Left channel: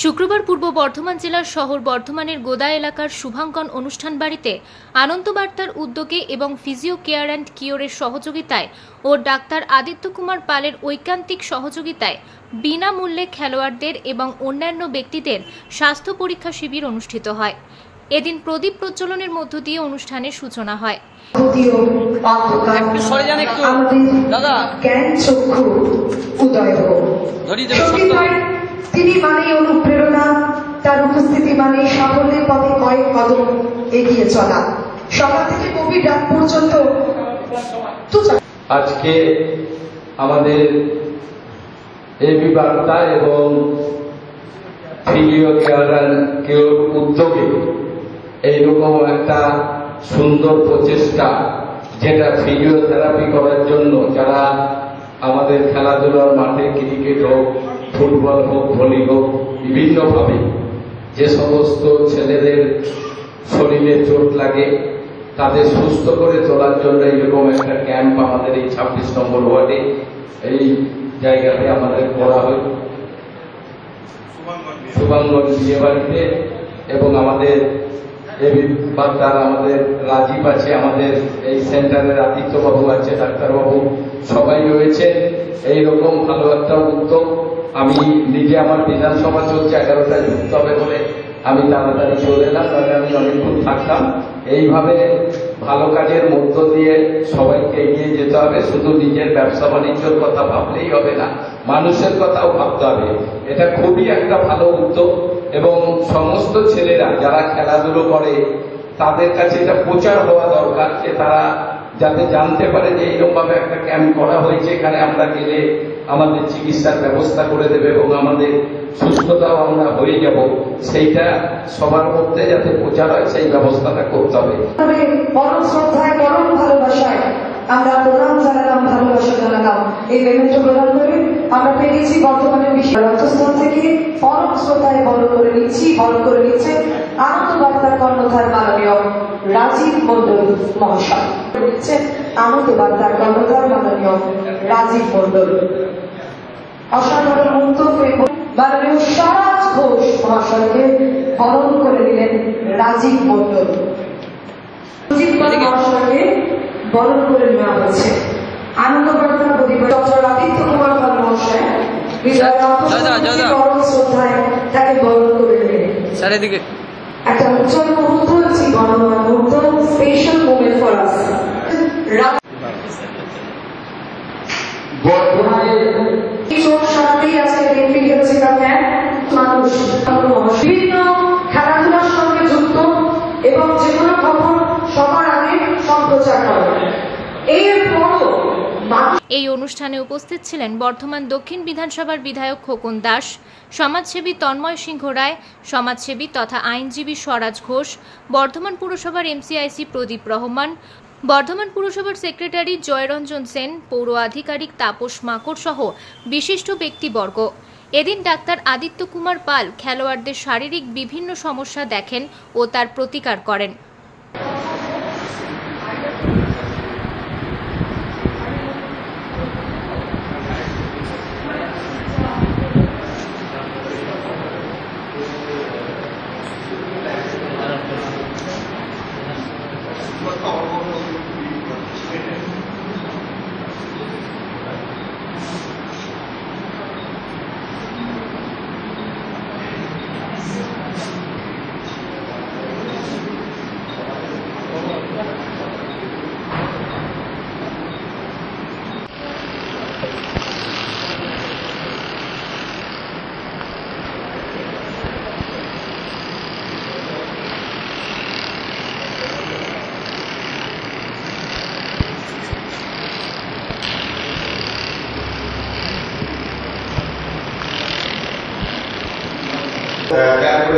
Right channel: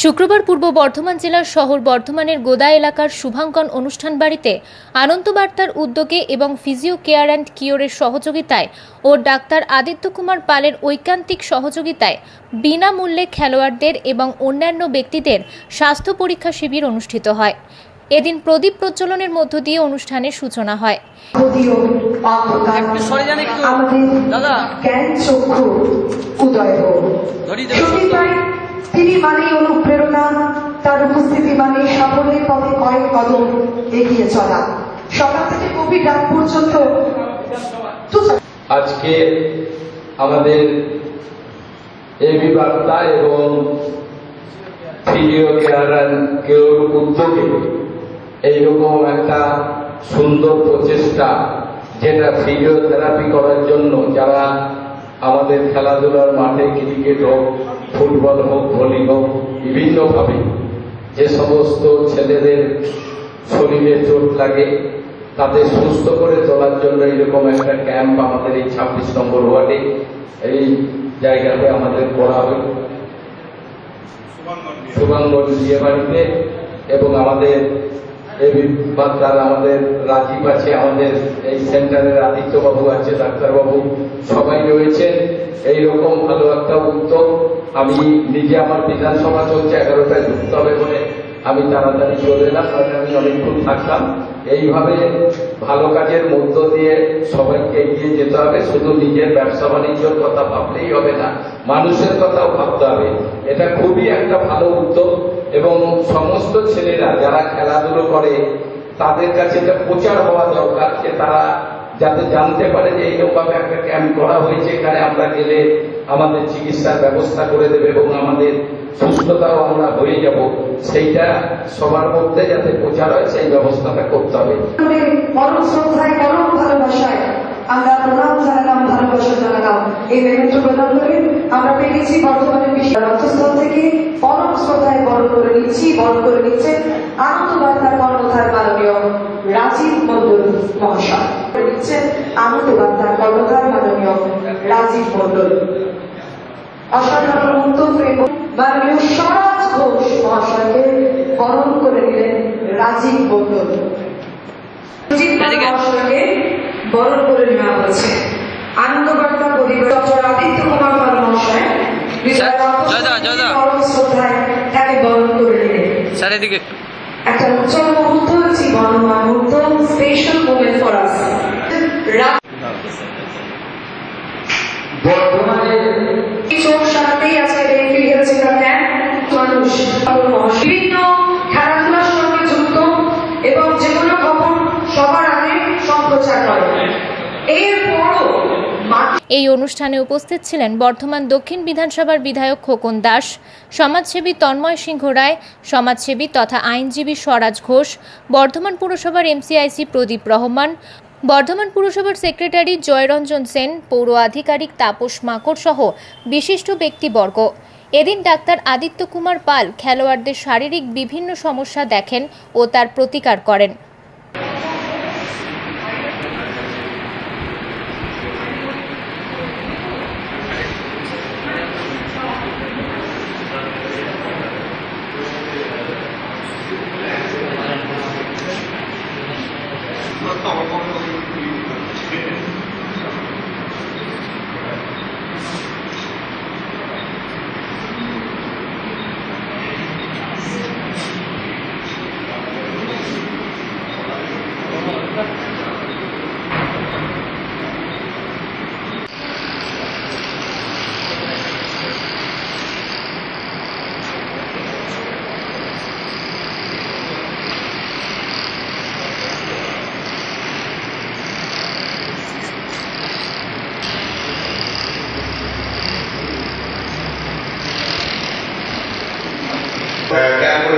শুক্রবার পূর্ব বর্ধমান জেলার শহর বর্ধমানের গোদা এলাকার শুভাঙ্কন অনুষ্ঠান বাড়িতে আনন্দ বার্তার উদ্যোগে এবং ফিজিও কেয়ার অ্যান্ড কিওরের সহযোগিতায় ও ডাক্তার আদিত্য কুমার পালের ঐকান্তিক সহযোগিতায় বিনামূল্যে খেলোয়াড়দের এবং অন্যান্য ব্যক্তিদের স্বাস্থ্য পরীক্ষা শিবির অনুষ্ঠিত হয়। এদিন প্রদীপ প্রজ্বলনের মধ্য দিয়ে অনুষ্ঠানের সূচনা হয়। তিনি মানে অনুপ্রেরণা, তার উপস্থিতি মানে সাফল্যের পথে কয়েক কদম এগিয়ে চলা। সকাল থেকে গভীর রাত পর্যন্ত আজকে আমাদের এবি বার্তা এবং ফিজিও কেয়ার অ্যান্ড কিওর উদ্যোগে এইরকম একটা সুন্দর প্রচেষ্টা, যেটা ফিজিওথেরাপি করার জন্য যারা আমাদের খেলাধুলার মাঠে ক্রিকেট হোক, ফুটবল হোক, ভলি হোক, বিভিন্নভাবে যে সমস্ত ছেলেদের শরীরে চোট লাগে তাদের সুস্থ করে তোলার জন্য এইরকম একটা ক্যাম্প আমাদের এই 26 নম্বর ওয়ার্ডে এই জায়গাতে আমাদের করা হয় শুভাঙ্গন বিয়ে বাড়িতে। এবং আমাদের আমাদের রাজীব আছে, আমাদের এই সেন্টারের আদিত্যবাবু আছে, ডাক্তারবাবু সবাই রয়েছে। এইরকম ভালো একটা উদ্যোগ। আমি নিজে আমার বিধানসভা চলছে 11টায় ঢুকতে হবে বলে আমি তাড়াতাড়ি চলে এলাম, আমি অনেকক্ষণ থাকতাম। এইভাবে ভালো কাজের মধ্য দিয়ে সবাইকে এগিয়ে যেতে হবে। শুধু নিজের ব্যবসা বাণিজ্যের কথা ভাবলেই হবে না, মানুষের কথাও ভাবতে হবে। এটা খুবই একটা ভালো উদ্যোগ এবং সমস্ত ছেলেরা যারা খেলাধুলো করে তাদের কাছে এটা প্রচার হওয়া দরকার, যে তারা যাতে জানতে পারে যে এইরকম একটা ক্যাম্প করা হয়েছে, এখানে আমরা গেলে আমাদের চিকিৎসার ব্যবস্থা করে দেবে এবং আমাদের সুস্থতাও আমরা হয়ে যাব। সেইটা সবার মধ্যে যাতে প্রচার হয় সেই ব্যবস্থাটা করতে হবে। আমরা প্রণাম জানালাম, ভালোবাসা জানালাম। এই মেমেন্টো প্রদান করে আমরা পেয়েছি বর্তমানের রক্তস্থল থেকে পরম শ্রদ্ধায় বরণ করে নিচ্ছি, আনন্দ বার্তার কর্ণধার মাননীয় রাজীব মন্ডল মহাশয় নিচ্ছেন। আনন্দ বার্তার কর্ণধার মাননীয় রাজীব মন্ডল অসাধারণ উদ্যোগ এবং মাননীয় স্বরাজ ঘোষ মহাশয়কে বরণ করে দিলেন রাজীব মন্ডল মহাশয়কে বরণ করে নেওয়া হয়েছে। আনন্দ বার্তা পরিবার ডক্টর আদিত্য কুমার পাল মহাশয় পরম শ্রদ্ধায় তাকে বরণ করে নিলেন। একটা উজ্জ্বল মুহূর্ত, জীবনময় মুহূর্ত, স্পেশাল মোমেন্ট ফর আস। চোখ সারাতেই আজকে দেখতে গেছিলাম মানুষ বিভিন্ন খেলাধুলার সঙ্গে যুক্ত এবং যে কোনো খবর সবার আগে সম্প্রচার হয়। এই অনুষ্ঠানে উপস্থিত ছিলেন বর্ধমান দক্ষিণ বিধানসভার বিধায়ক খোকন দাস, সমাজসেবী তন্ময় সিংহ রায়, সমাজসেবী তথা আইনজীবী স্বরাজ ঘোষ, বর্ধমান পুরসভার এমসিআইসি প্রদীপ রহমান, বর্ধমান পুরসভার সেক্রেটারি জয়রঞ্জন সেন, পৌর আধিকারিক তাপস মাকড় সহ বিশিষ্ট ব্যক্তিবর্গ। এদিন ডাক্তার আদিত্য কুমার পাল খেলোয়াড়দের শারীরিক বিভিন্ন সমস্যা দেখেন ও তার প্রতিকার করেন।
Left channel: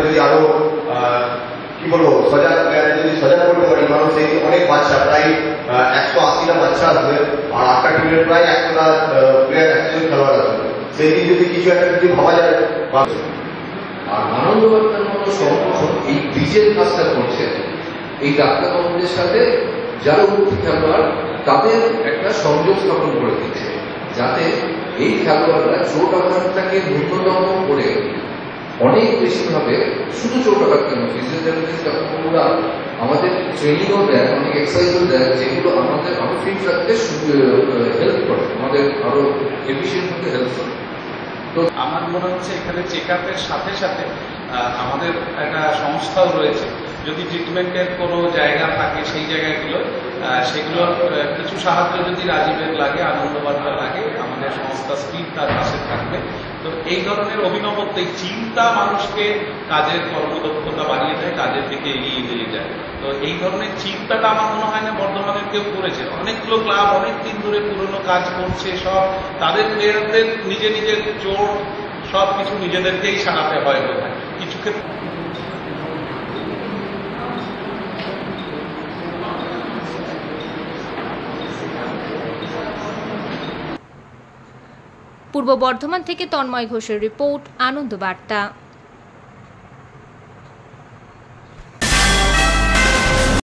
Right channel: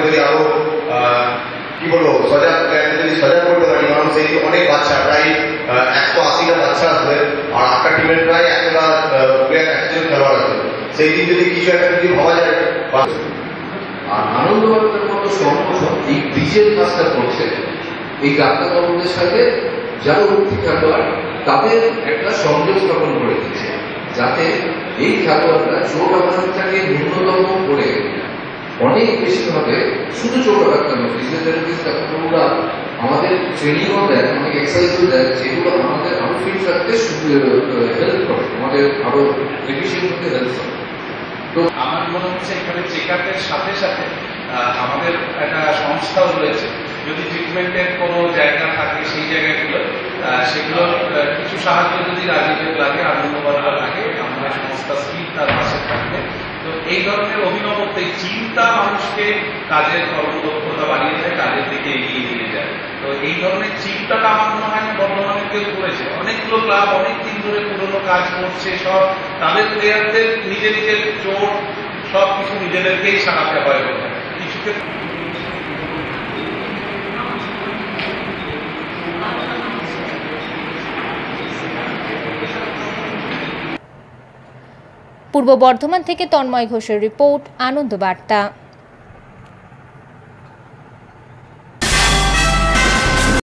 যদি আরো কি বলবো সজাগ করতে পারি, কারণ সেই অনেক বাচ্চা, প্রায় 180টা বাচ্চা আসবে আর 8টা টিমের প্রায় 100টা প্লেয়ার, 100জন খেলোয়াড় আছে। সেই দিন যদি কিছু একটা যদি ভাবা যায়। আর আনন্দ বার্তার মতো সংগঠন এই ব্রিজের কাজটা করছে এই ডাক্তারবাবুদের সাথে যারা উঠতি খেলোয়াড় তাদের একটা সংযোগ স্থাপন করে দিচ্ছে, যাতে এই খেলোয়াড়রা চোট আঘাতটাকে ন্যূনতম করে অনেক বেশিভাবে শুধু ছোট ডাক্তার নয়, ফিজিওথেরাপিস্ট ডাক্তারবাবুরা আমাদের ট্রেনিংও দেয়, অনেক এক্সারসাইজও দেয়, যেগুলো আমাদের আরো ফিট রাখতে হেল্প করে, আমাদের আরো এফিসিয়েন্ট হতে হেল্প করে। তো আমার মনে হচ্ছে এখানে চেক আপের সাথে সাথে আমাদের একটা সংস্থাও রয়েছে, যদি ট্রিটমেন্টের কোনো জায়গা থাকে সেই জায়গাগুলো সেগুলোর কিছু সাহায্য যদি রাজনীতিক লাগে, আনন্দবার্তা লাগে, আমাদের সংস্থা স্কিম তার পাশে থাকবে। তো এই ধরনের অভিনবত্ব, এই চিন্তা মানুষকে কাজের কর্মদক্ষতা বাড়িয়ে দেয়, কাজের দিকে এগিয়ে নিয়ে যায়। তো এই ধরনের চিন্তাটা আমার মনে হয় না বর্ধমানের কেউ করেছে। অনেকগুলো ক্লাব অনেক দিন ধরে পুরনো কাজ করছে, সব তাদের প্লেয়ারদের নিজের নিজের চোট সব কিছু নিজেদেরকেই সারাতে হয় বলে কিছু ক্ষেত্রে। পূর্ব বর্ধমান থেকে তন্ময় ঘোষের রিপোর্ট, আনন্দ বার্তা।